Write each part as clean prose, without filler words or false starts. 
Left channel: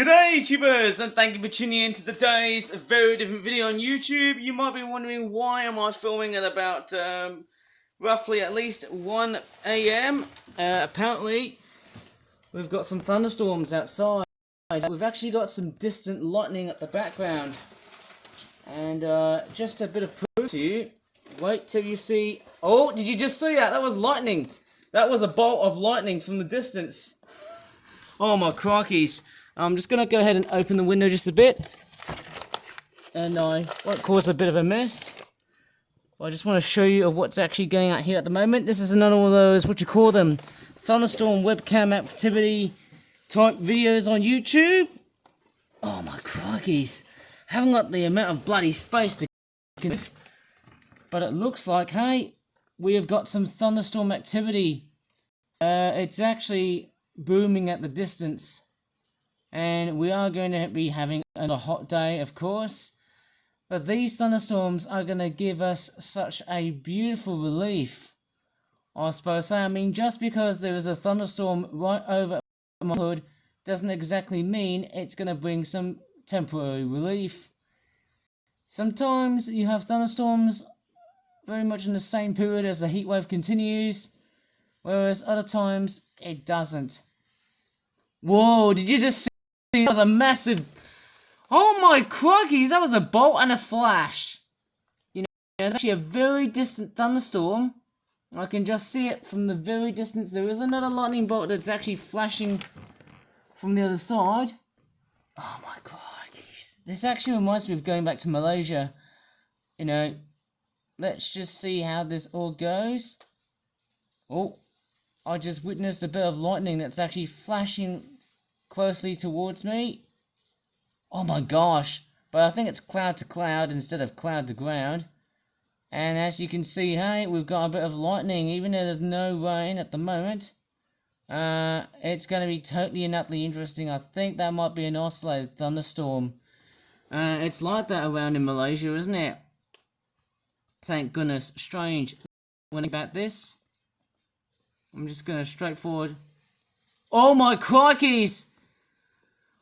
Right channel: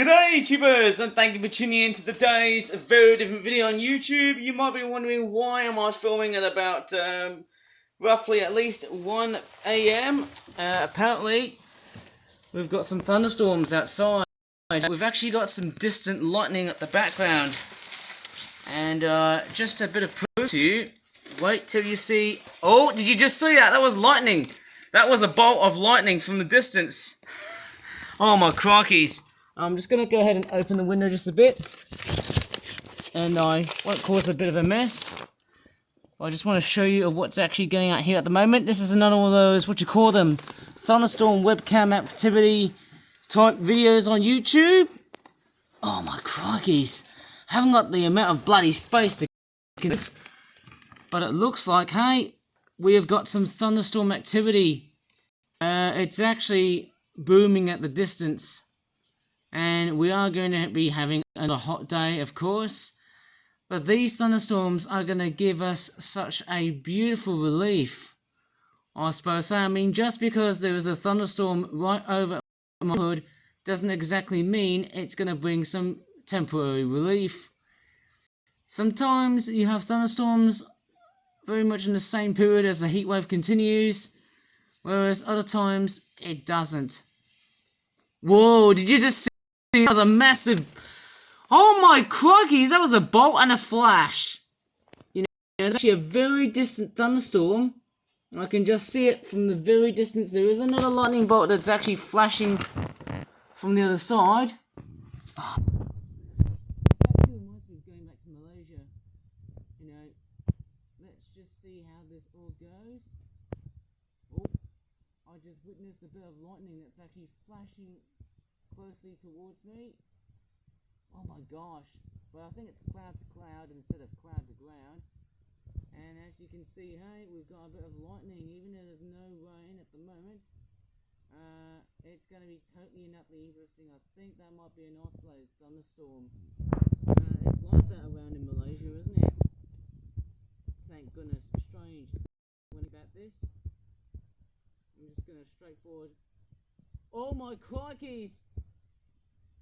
G'day YouTubers, and thank you for tuning in to today's very different video on YouTube. You might be wondering why am I filming at about roughly at least 1 AM. Apparently we've got some thunderstorms outside. We've actually got some distant lightning at the background. And just a bit of proof to you. Wait till you see. Oh, did you just see that? That was lightning. That was a bolt of lightning from the distance. Oh my crikeys. I'm just going to go ahead and open the window just a bit, and I won't cause a bit of a mess. I just want to show you what's actually going out here at the moment. This is another one of those, what you call them, Thunderstorm webcam activity type videos on YouTube. Oh my crikeys. I haven't got the amount of bloody space to give, but it looks like, hey, we have got some thunderstorm activity. It's actually booming at the distance. And we are going to be having another hot day, of course. But these thunderstorms are going to give us such a beautiful relief, I suppose. I mean, just because there is a thunderstorm right over my hood doesn't exactly mean it's going to bring some temporary relief. Sometimes you have thunderstorms very much in the same period as the heat wave continues, whereas other times it doesn't. Whoa, did you just see? That was a massive... Oh my crikeys, that was a bolt and a flash. You know, it's actually a very distant thunderstorm. I can just see it from the very distance. There is another lightning bolt that's actually flashing from the other side. Oh my crikeys. This actually reminds me of going back to Malaysia. You know, let's just see how this all goes. Oh, I just witnessed a bit of lightning that's actually flashing closely towards me. Oh my gosh. But I think it's cloud to cloud instead of cloud to ground. And as you can see, hey, we've got a bit of lightning. Even though there's no rain at the moment, it's going to be totally and utterly interesting. I think that might be an isolated thunderstorm. It's like that around in Malaysia, isn't it? Thank goodness. Strange. When about this, I'm just going to straightforward. Oh my crikeys!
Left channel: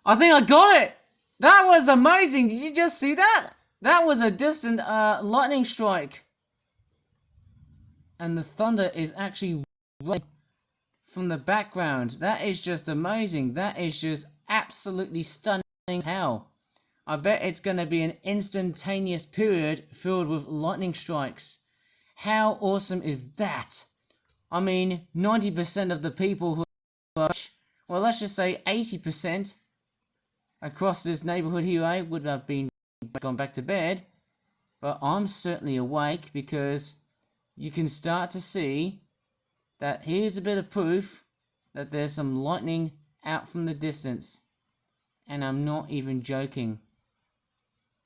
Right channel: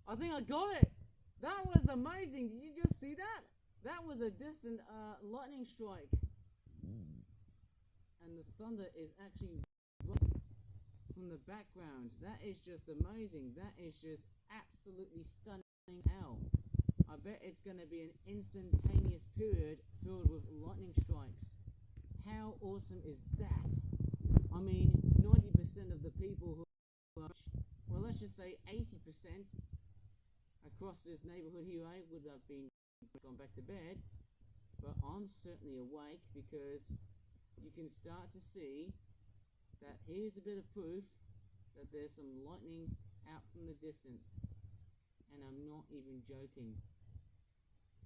I think I got it! That was amazing! Did you just see that? That was a distant lightning strike. And the thunder is actually running from the background. That is just amazing. That is just absolutely stunning as hell. I bet it's going to be an instantaneous period filled with lightning strikes. How awesome is that? I mean, 90% of the people who are, well, let's just say 80% across this neighborhood here would have been gone back to bed, but I'm certainly awake because you can start to see that here's a bit of proof that there's some lightning out from the distance, and I'm not even joking.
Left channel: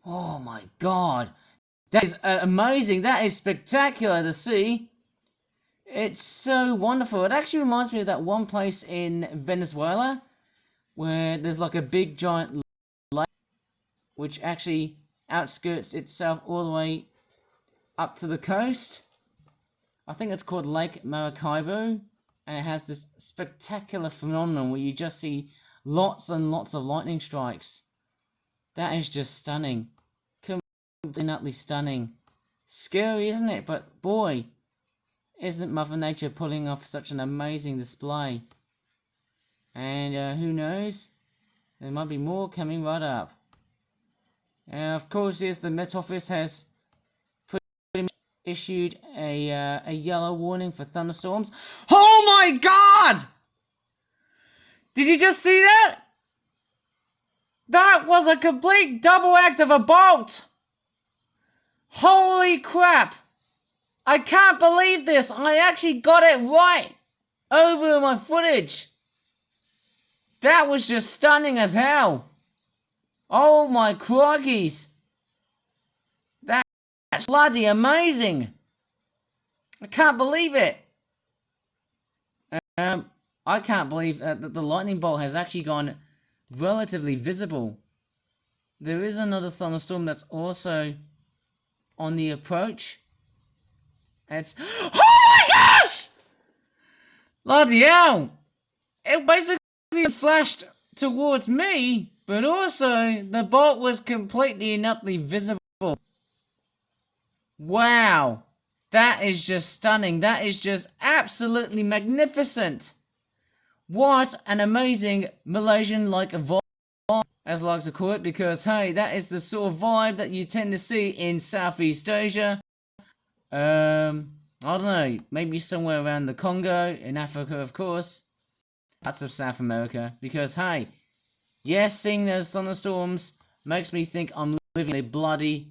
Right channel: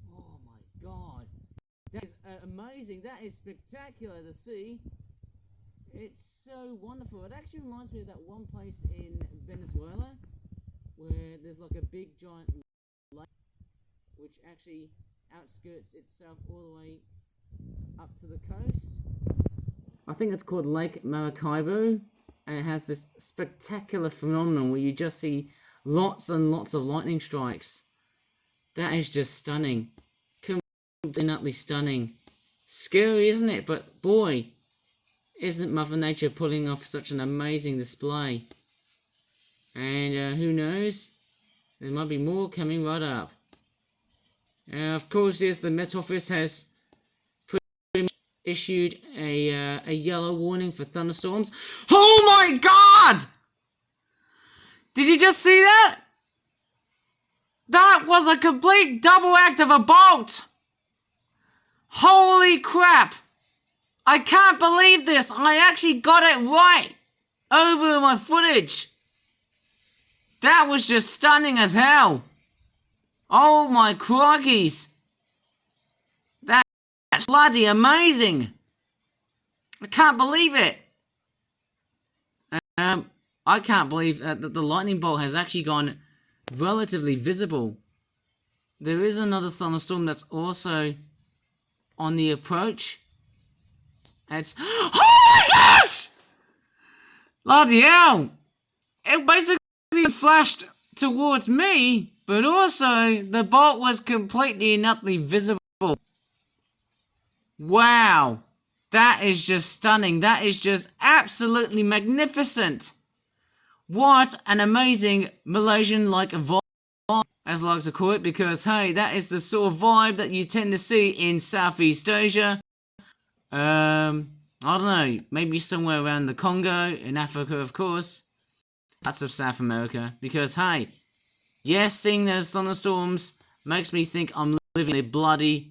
Oh my god, that is amazing. That is spectacular to see. It's so wonderful. It actually reminds me of that one place in Venezuela where there's like a big giant lake which actually outskirts itself all the way up to the coast. I think it's called Lake Maracaibo, and it has this spectacular phenomenon where you just see lots and lots of lightning strikes. That is just stunning. Completely stunning. Scary, isn't it? But boy, isn't Mother Nature pulling off such an amazing display? And who knows? There might be more coming right up. Of course, yes, the Met Office has pretty much issued a yellow warning for thunderstorms. Oh my god! Did you just see that? That was a complete double act of a bolt! Holy crap! I can't believe this! I actually got it right! Over my footage! That was just stunning as hell! Oh my crikeys! That's bloody amazing! I can't believe it! I can't believe that the lightning bolt has actually gone relatively visible. There is another thunderstorm that's also on the approach. It's... Oh my gosh! Bloody hell! It basically flashed towards me, but also the bolt was completely and utterly visible. Wow, that is just stunning. That is just absolutely magnificent. What an amazing Malaysian-like vibe, as I like to call it, because hey, that is the sort of vibe that you tend to see in Southeast Asia. I don't know, maybe somewhere around the Congo, in Africa, of course, parts of South America, because hey, yes, seeing those thunderstorms makes me think I'm living in the bloody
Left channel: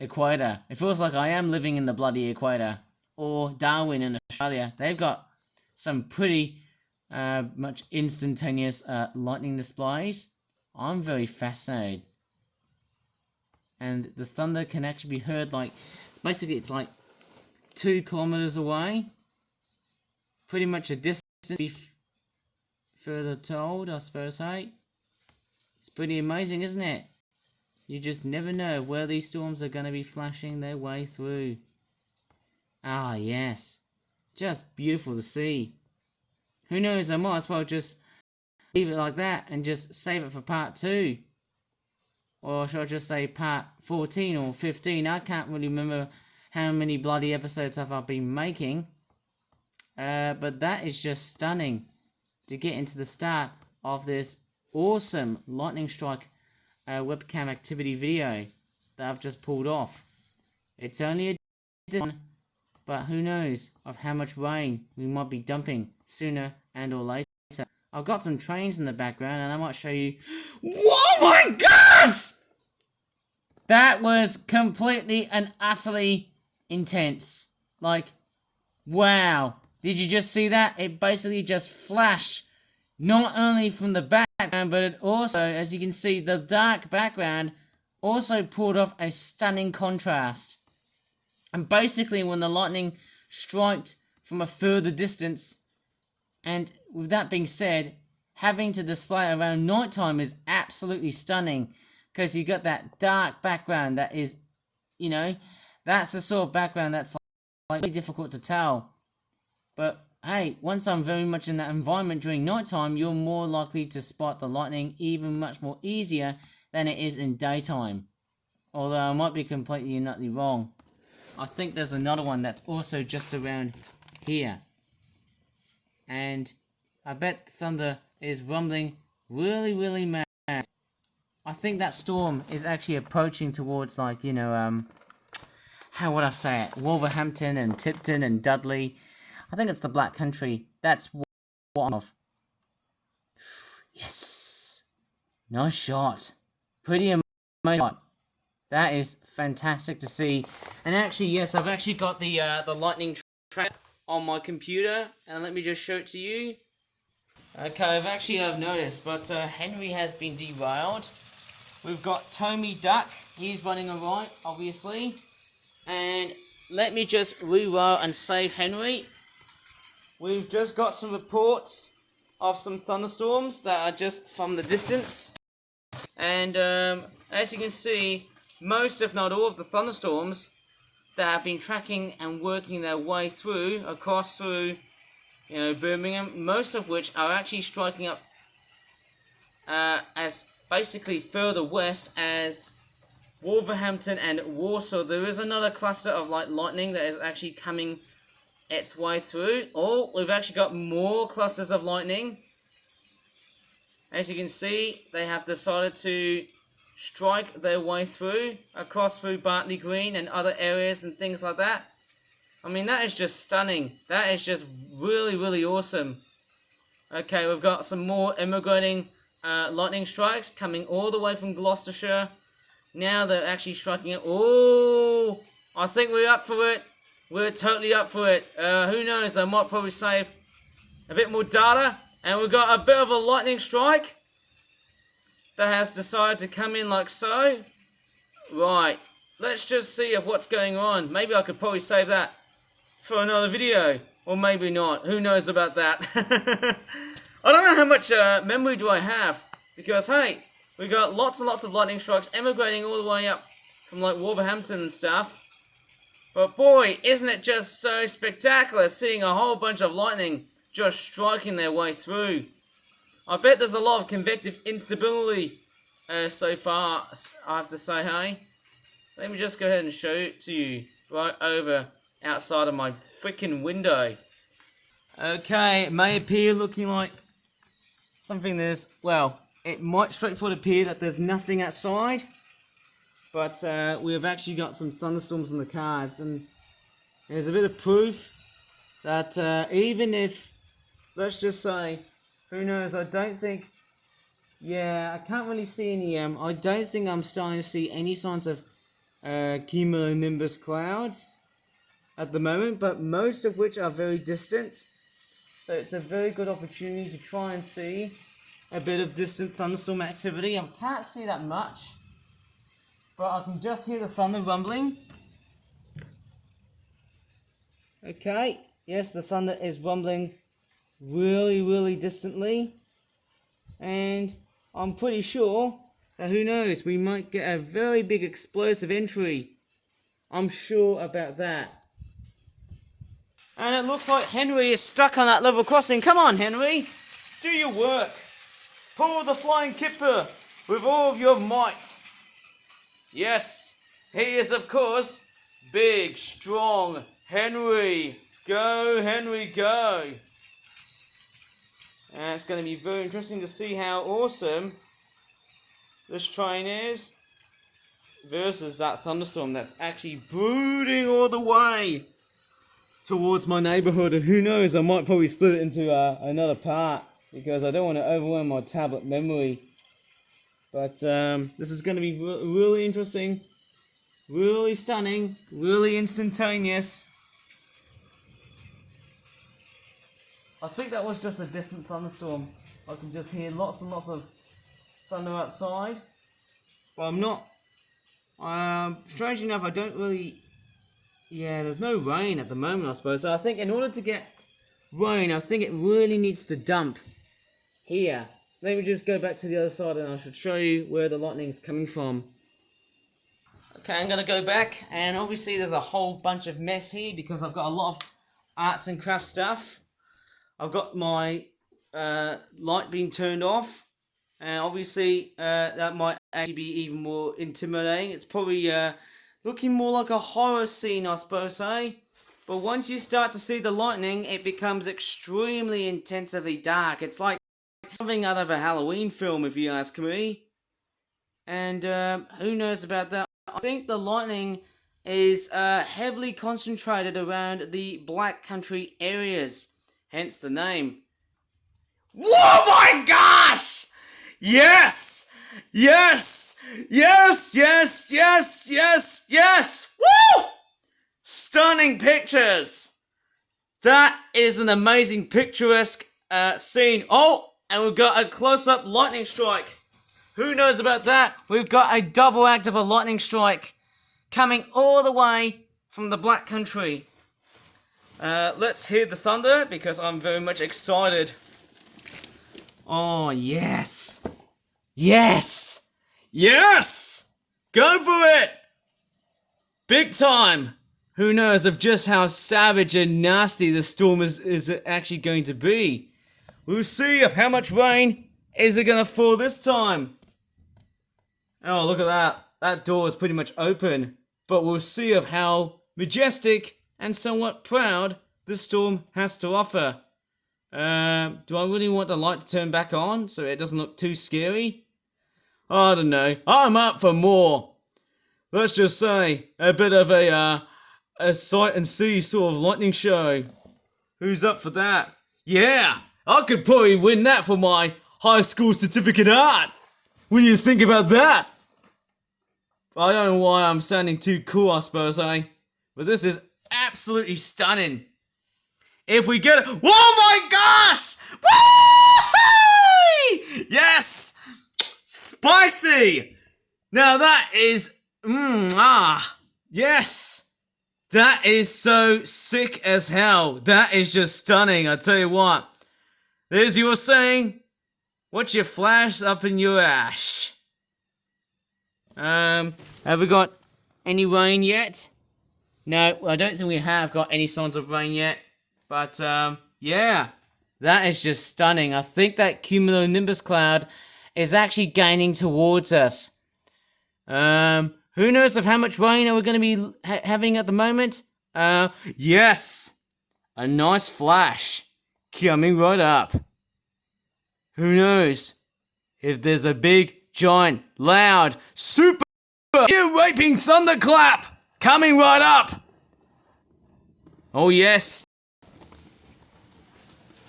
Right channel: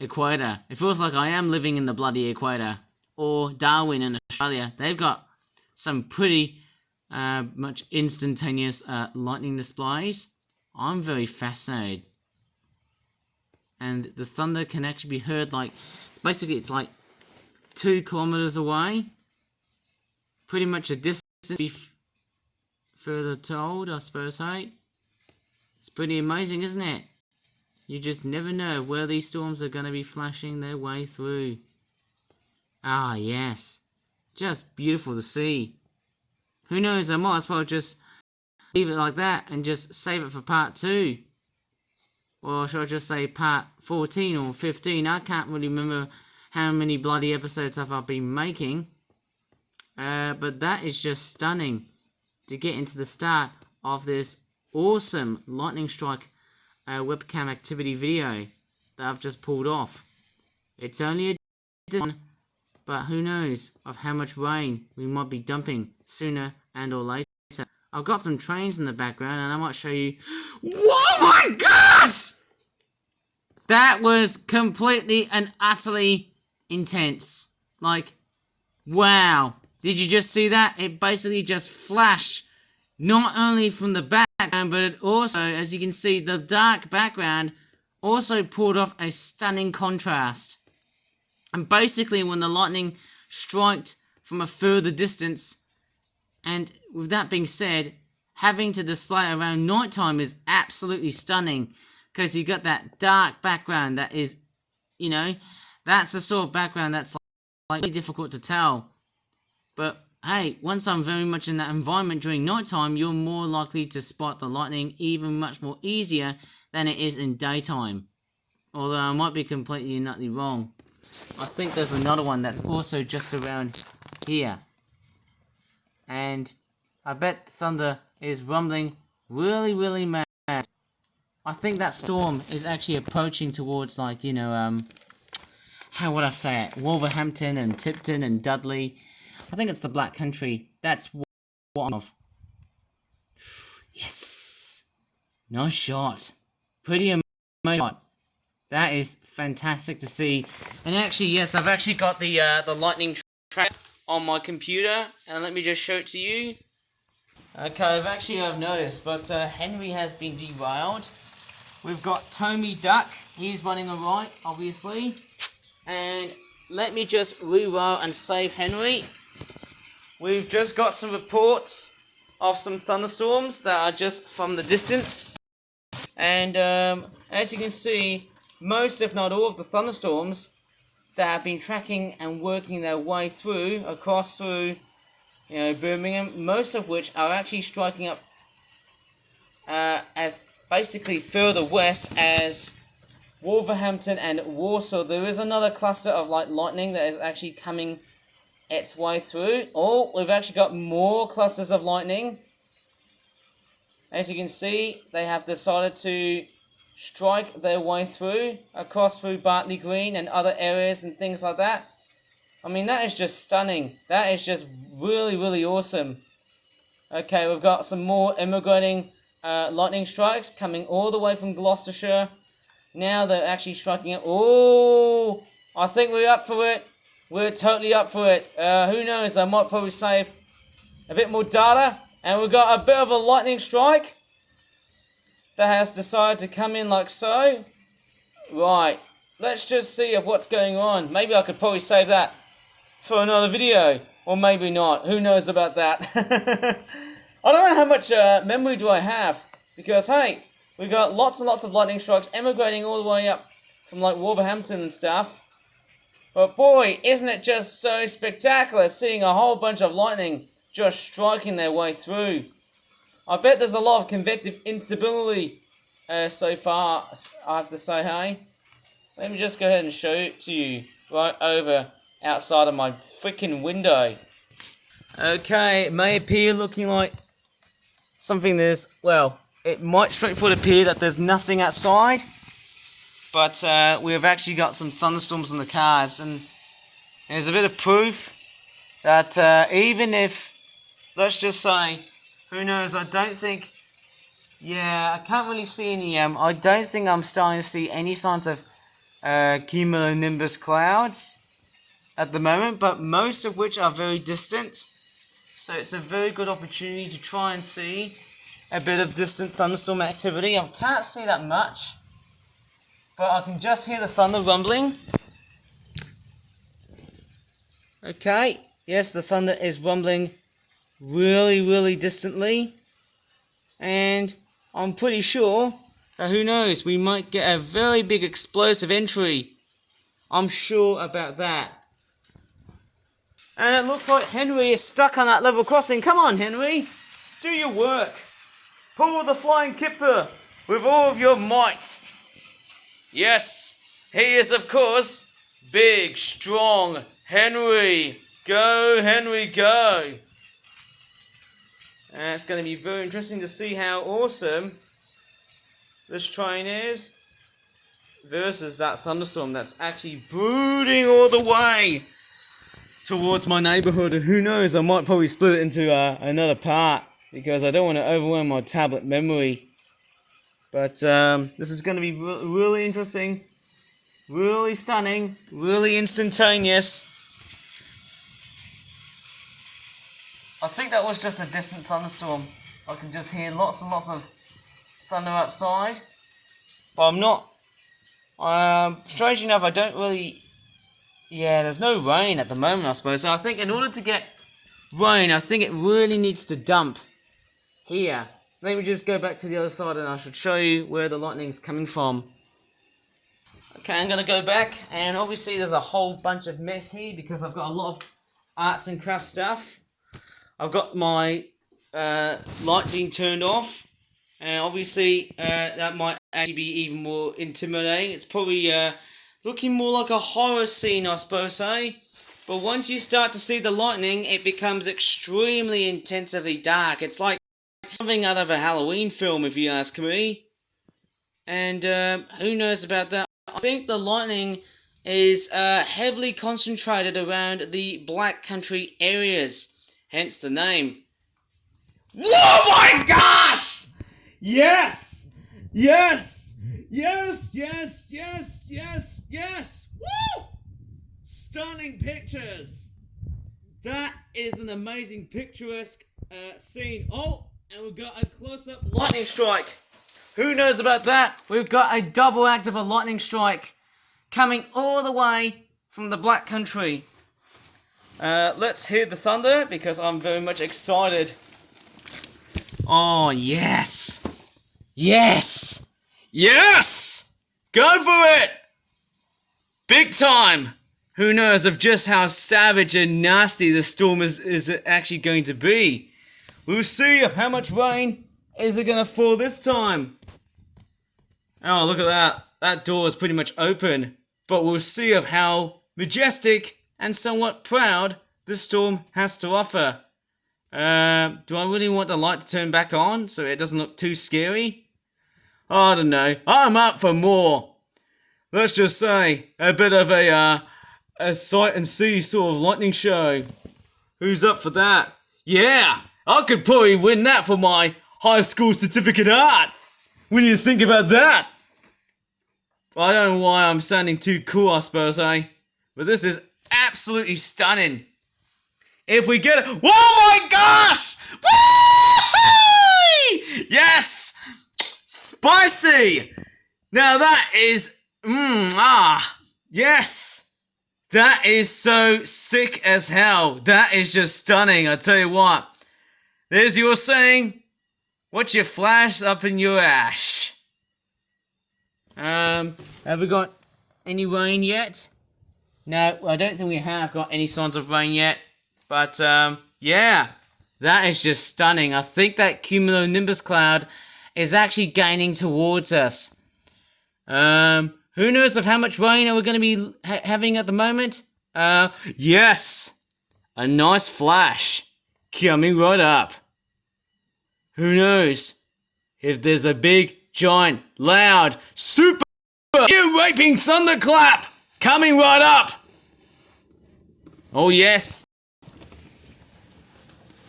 Equator. It feels like I am living in the bloody Equator, or Darwin in Australia. They've got some pretty much instantaneous lightning displays. I'm very fascinated. And the thunder can actually be heard like, basically it's like 2 kilometers away. Pretty much a distance further told, I suppose, hey? It's pretty amazing, isn't it? You just never know where these storms are going to be flashing their way through. Ah, yes. Just beautiful to see. Who knows, I might as well just leave it like that and just save it for part 2. Or should I just say part 14 or 15? I can't really remember how many bloody episodes I've been making. But that is just stunning to get into the start of this awesome lightning strike webcam activity video that I've just pulled off. It's only a one, but who knows of how much rain we might be dumping sooner and or later. I've got some trains in the background and I might show you. Oh my gosh! That was completely and utterly intense. Like, wow. Did you just see that? It basically just flashed not only from the background, but it also, as you can see, the dark background also pulled off a stunning contrast. And basically, when the lightning struck from a further distance, and with that being said, having to display around nighttime is absolutely stunning, because you got that dark background that is, you know, that's the sort of background that's like really difficult to tell. But hey, once I'm very much in that environment during nighttime, you're more likely to spot the lightning even much more easier than it is in daytime. Although I might be completely and utterly wrong. I think there's another one that's also just around here. And I bet the thunder is rumbling really, really mad. I think that storm is actually approaching towards, like, you know, how would I say it? Wolverhampton and Tipton and Dudley. I think it's the Black Country. That's what I'm of. Yes. Nice shot. Pretty amazing shot. That is fantastic to see. And actually, yes, I've actually got the lightning track on my computer. And let me just show it to you. Okay, I've noticed, but Henry has been derailed. We've got Tommy Duck. He's running alright, obviously. And let me just reroll and save Henry. We've just got some reports of some thunderstorms that are just from the distance. And as you can see, most if not all of the thunderstorms that have been tracking and working their way through, across through, you know, Birmingham, most of which are actually striking up as basically further west as Wolverhampton and Warsaw. There is another cluster of lightning that is actually coming its way through. Oh, we've actually got more clusters of lightning. As you can see, they have decided to strike their way through, across through Bartley Green and other areas and things like that. I mean, that is just stunning. That is just really, really awesome. Okay, we've got some more immigrating lightning strikes coming all the way from Gloucestershire. Now they're actually striking it. Oh, I think we're up for it. We're totally up for it. Who knows? I might probably save a bit more data. And we've got a bit of a lightning strike that has decided to come in like so. Right. Let's just see of what's going on. Maybe I could probably save that for another video. Or maybe not. Who knows about that? I don't know how much memory do I have. Because, hey, we got lots and lots of lightning strikes emigrating all the way up from like Wolverhampton and stuff. But boy, isn't it just so spectacular seeing a whole bunch of lightning just striking their way through. I bet there's a lot of convective instability so far, I have to say, hey. Let me just go ahead and show it to you right over outside of my freaking window. Okay, it may appear looking like something there's, well, it might straightforward appear that there's nothing outside, but we've actually got some thunderstorms on the cards, and there's a bit of proof that even if, let's just say, who knows, I don't think, yeah, I can't really see any, I don't think I'm starting to see any signs of cumulonimbus clouds at the moment, but most of which are very distant, so it's a very good opportunity to try and see a bit of distant thunderstorm activity. I can't see that much, but I can just hear the thunder rumbling. Okay, yes, the thunder is rumbling really distantly, and I'm pretty sure that, who knows, we might get a very big explosive entry. I'm sure about that. And it looks like Henry is stuck on that level crossing. Come on, Henry, do your work. Pull the flying kipper with all of your might. Yes, he is, of course, big, strong Henry. Go, Henry, go. And it's going to be very interesting to see how awesome this train is versus that thunderstorm that's actually brooding all the way towards my neighborhood. And who knows, I might probably split it into another part because I don't want to overwhelm my tablet memory. But this is going to be really interesting, really stunning, really instantaneous. I think that was just a distant thunderstorm. I can just hear lots and lots of thunder outside, but I'm not. Strangely enough, I don't really. Yeah, there's no rain at the moment, I suppose. So I think in order to get rain, I think it really needs to dump here. Let me just go back to the other side, and I should show you where the lightning is coming from. Okay, I'm gonna go back, and obviously there's a whole bunch of mess here because I've got a lot of arts and crafts stuff. I've got my light being turned off. And obviously, that might actually be even more intimidating. It's probably looking more like a horror scene, I suppose, eh? But once you start to see the lightning, it becomes extremely intensively dark. It's like something out of a Halloween film, if you ask me. And who knows about that? I think the lightning is heavily concentrated around the Black Country areas. Hence the name. Oh my gosh! Yes! Yes! Yes! Yes! Yes! Yes! Yes! Woo! Stunning pictures! That is an amazing picturesque scene. Oh! And we've got a close-up lightning strike. Who knows about that? We've got a double act of a lightning strike coming all the way from the Black Country. Let's hear the thunder because I'm very much excited. Oh, yes. Yes. Yes. Go for it. Big time. Who knows of just how savage and nasty the storm is actually going to be. We'll see of how much rain is it going to fall this time. Oh, look at that. That door is pretty much open. But we'll see of how majestic and somewhat proud this storm has to offer. Do I really want the light to turn back on so it doesn't look too scary? I don't know. I'm up for more. Let's just say a bit of a sight and see sort of lightning show. Who's up for that? Yeah, I could probably win that for my high school certificate art. What do you think about that? I don't know why I'm sounding too cool, I suppose, eh? But this is absolutely stunning. If we get it, oh my gosh! Woo! Yes! Spicy! Now that is, yes! That is so sick as hell. That is just stunning, I tell you what. There's your saying, what's your flash up in your ash? Have we got any rain yet? No, I don't think we have got any signs of rain yet. But, yeah, that is just stunning. I think that cumulonimbus cloud is actually gaining towards us. Who knows of how much rain are we going to be having at the moment? Yes! A nice flash coming right up. Who knows if there's a big, giant, loud, super ear-raping thunderclap coming right up. Oh yes.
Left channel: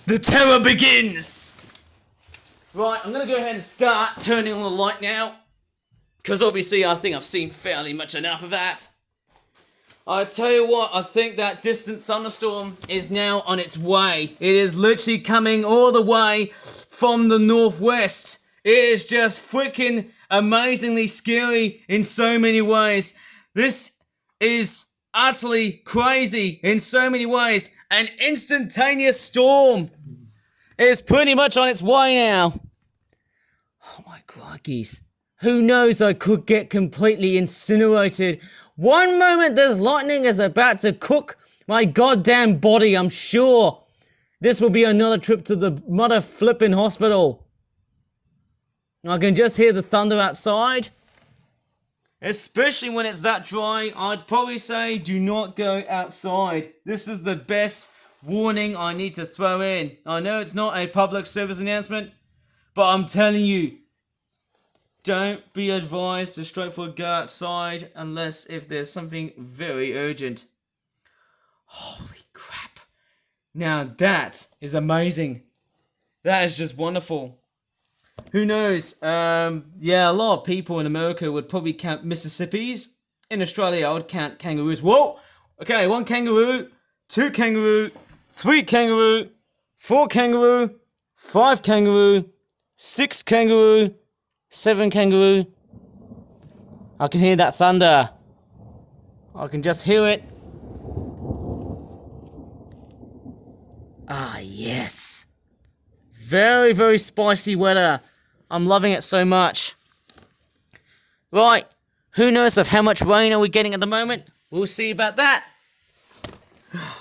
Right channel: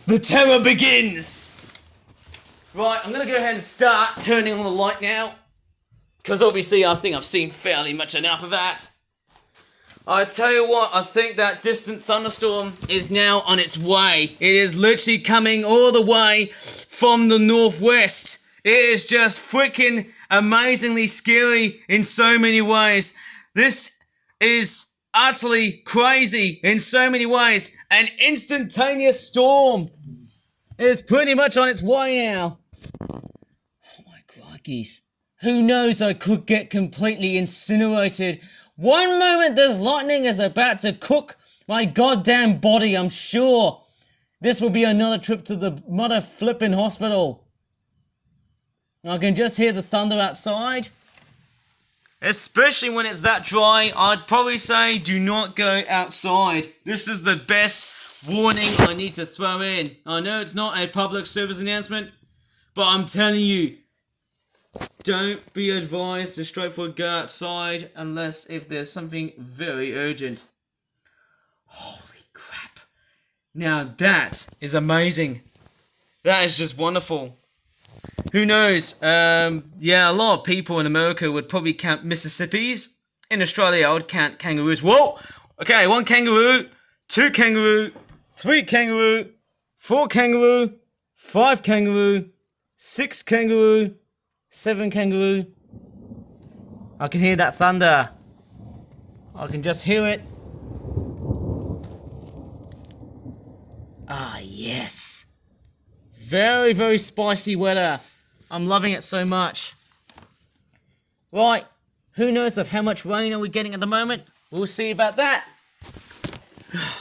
The terror begins. Right, I'm going to go ahead and start turning on the light now. Because obviously I think I've seen fairly much enough of that. I tell you what, I think that distant thunderstorm is now on its way. It is literally coming all the way from the northwest. It is just freaking amazingly scary in so many ways. This is utterly crazy in so many ways. An instantaneous storm is pretty much on its way now. Oh my crikey's. Who knows, I could get completely incinerated. One moment this lightning is about to cook my goddamn body, I'm sure. This will be another trip to the mother flippin' hospital. I can just hear the thunder outside. Especially when it's that dry, I'd probably say do not go outside. This is the best warning I need to throw in. I know it's not a public service announcement, but I'm telling you, don't be advised to straightforward go outside unless if there's something very urgent. Holy crap. Now that is amazing. That is just wonderful. Who knows? Yeah, a lot of people in America would probably count Mississippis. In Australia, I would count kangaroos. Whoa! Okay, 1 kangaroo, 2 kangaroo, 3 kangaroo, 4 kangaroo, 5 kangaroo, 6 kangaroo, 7 kangaroo. I can hear that thunder. I can just hear it. Ah, yes. Very, very spicy weather. I'm loving it so much. Right. Who knows of how much rain are we getting at the moment? We'll see about that.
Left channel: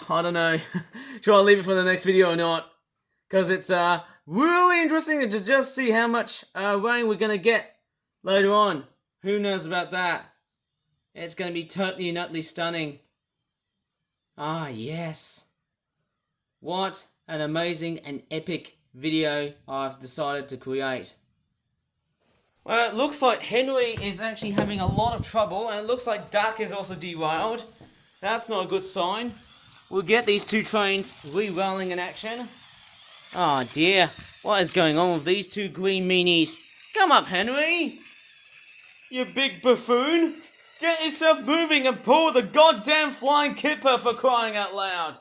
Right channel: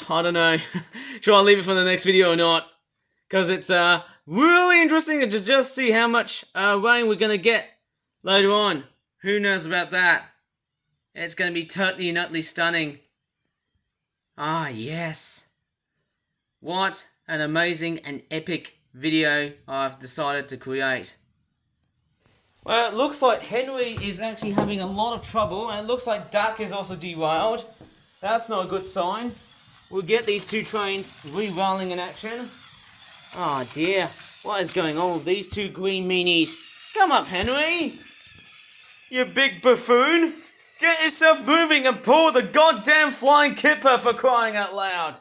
I don't know. Should I leave it for the next video or not? Because it's really interesting to just see how much rain we're going to get later on. Who knows about that? It's going to be totally and utterly stunning. Ah, yes. What an amazing and epic video I've decided to create. Well, it looks like Henry is actually having a lot of trouble, and it looks like Duck is also derailed. That's not a good sign. We'll get these two trains re-rolling in action. Oh dear, what is going on with these two green meanies? Come up, Henry! You big buffoon! Get yourself moving and pull the goddamn flying kipper, for crying out loud!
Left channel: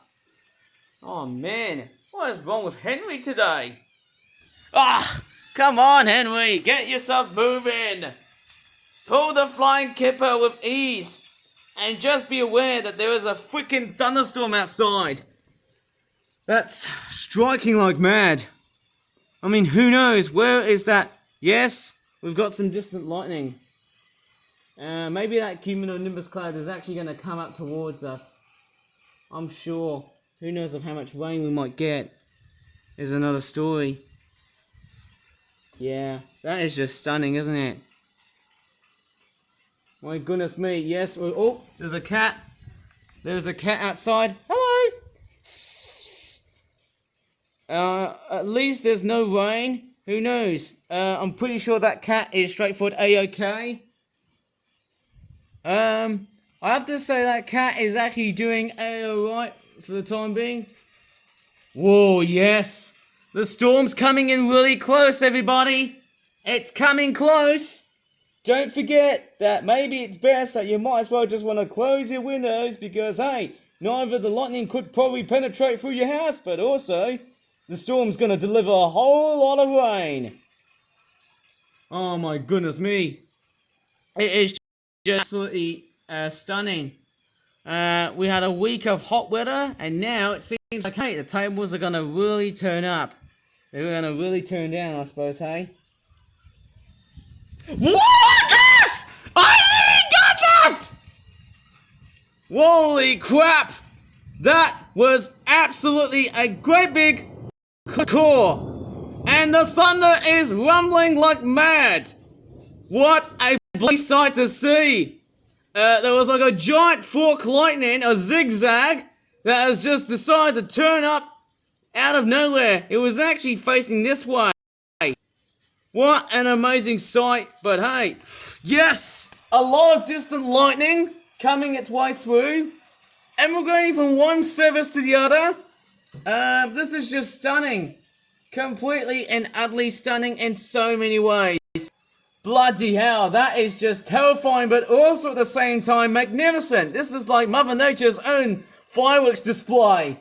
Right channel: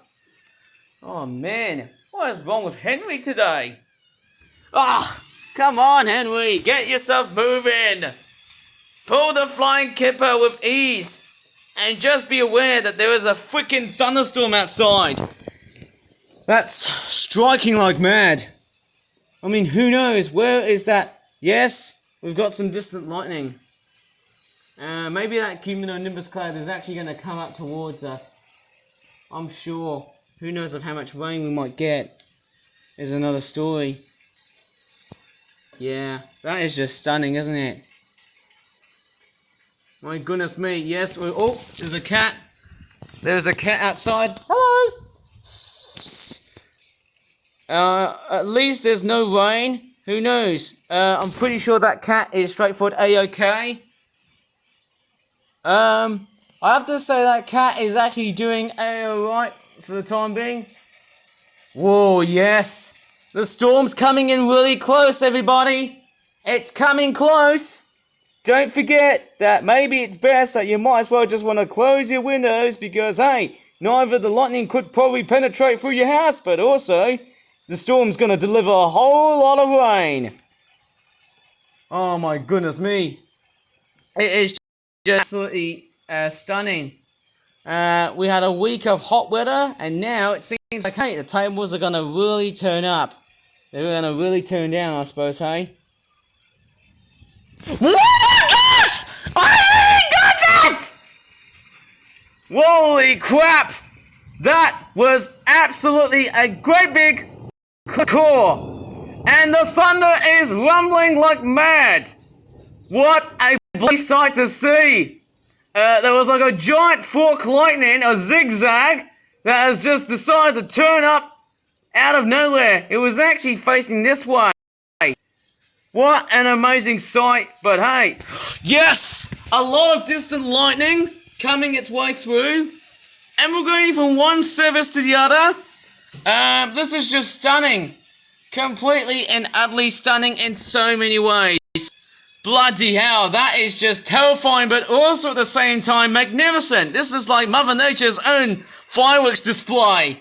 Oh man, what is wrong with Henry today? Ah! Come on, Henry, get yourself moving! Pull the flying kipper with ease! And just be aware that there is a freaking thunderstorm outside. That's striking like mad. I mean, who knows? Where is that? Yes, we've got some distant lightning. Maybe that cumulonimbus cloud is actually going to come up towards us. I'm sure. Who knows of how much rain we might get is another story. Yeah, that is just stunning, isn't it? My goodness me, yes. Oh, there's a cat. There's a cat outside. Hello! At least there's no rain. Who knows? I'm pretty sure that cat is straightforward A-OK. I have to say that cat is actually doing alright for the time being. Whoa, yes. The storm's coming in really close, everybody. It's coming close. Don't forget that maybe it's best that you might as well just want to close your windows because, hey, neither the lightning could probably penetrate through your house, but also the storm's going to deliver a whole lot of rain. Oh my goodness me. It is just absolutely stunning. We had a week of hot weather, and now it seems like, hey, the tables are going to really turn up. They're going to really turn down, I suppose, hey? What? I really got that! Holy crap! That was absolutely a great big core. and the thunder is rumbling like mad. What a bloody sight to see. There was like a giant fork lightning, a zigzag, that has just decided to turn up out of nowhere. It was actually facing this way. What an amazing sight, but hey, yes, a lot of distant lightning coming its way through, and we're going from one service to the other. This is just stunning, completely and utterly stunning in so many ways. Bloody hell, that is just terrifying, but also at the same time magnificent. This is like Mother Nature's own fireworks display.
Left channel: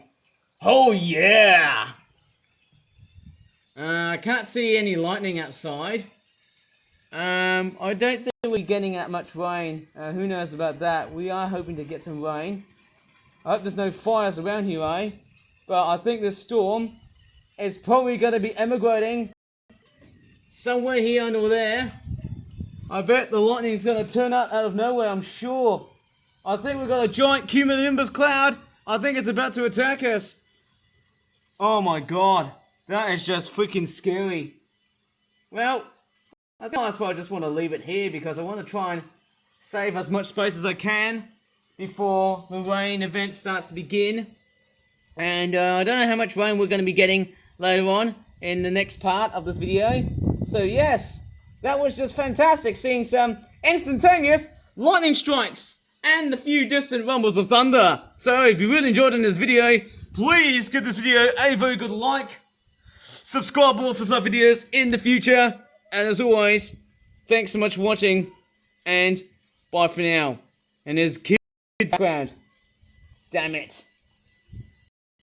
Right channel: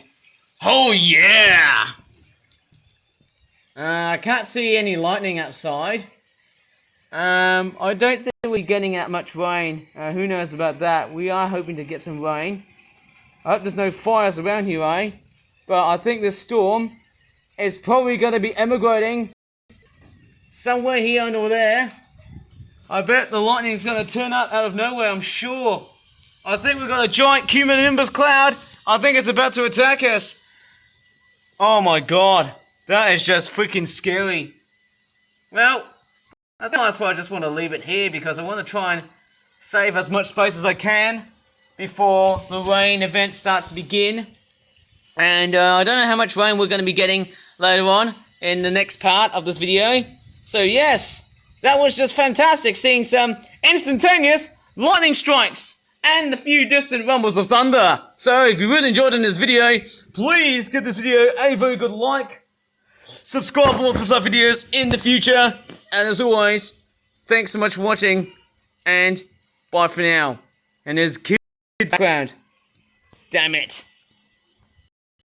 Oh yeah! I can't see any lightning outside. I don't think we're getting that much rain. Who knows about that? We are hoping to get some rain. I hope there's no fires around here, eh? But I think this storm is probably going to be emigrating somewhere here under there. I bet the lightning's going to turn up out of nowhere, I'm sure. I think we've got a giant cumulonimbus cloud. I think it's about to attack us. Oh my god. That is just freaking scary. Well, I think that's why I just want to leave it here, because I want to try and save as much space as I can before the rain event starts to begin. And I don't know how much rain we're going to be getting later on in the next part of this video. So yes, that was just fantastic, seeing some instantaneous lightning strikes and a few distant rumbles of thunder. So if you really enjoyed in this video, please give this video a very good like. Subscribe for more such videos in the future. And as always, thanks so much for watching. And bye for now. And there's kids in the background. Damn it.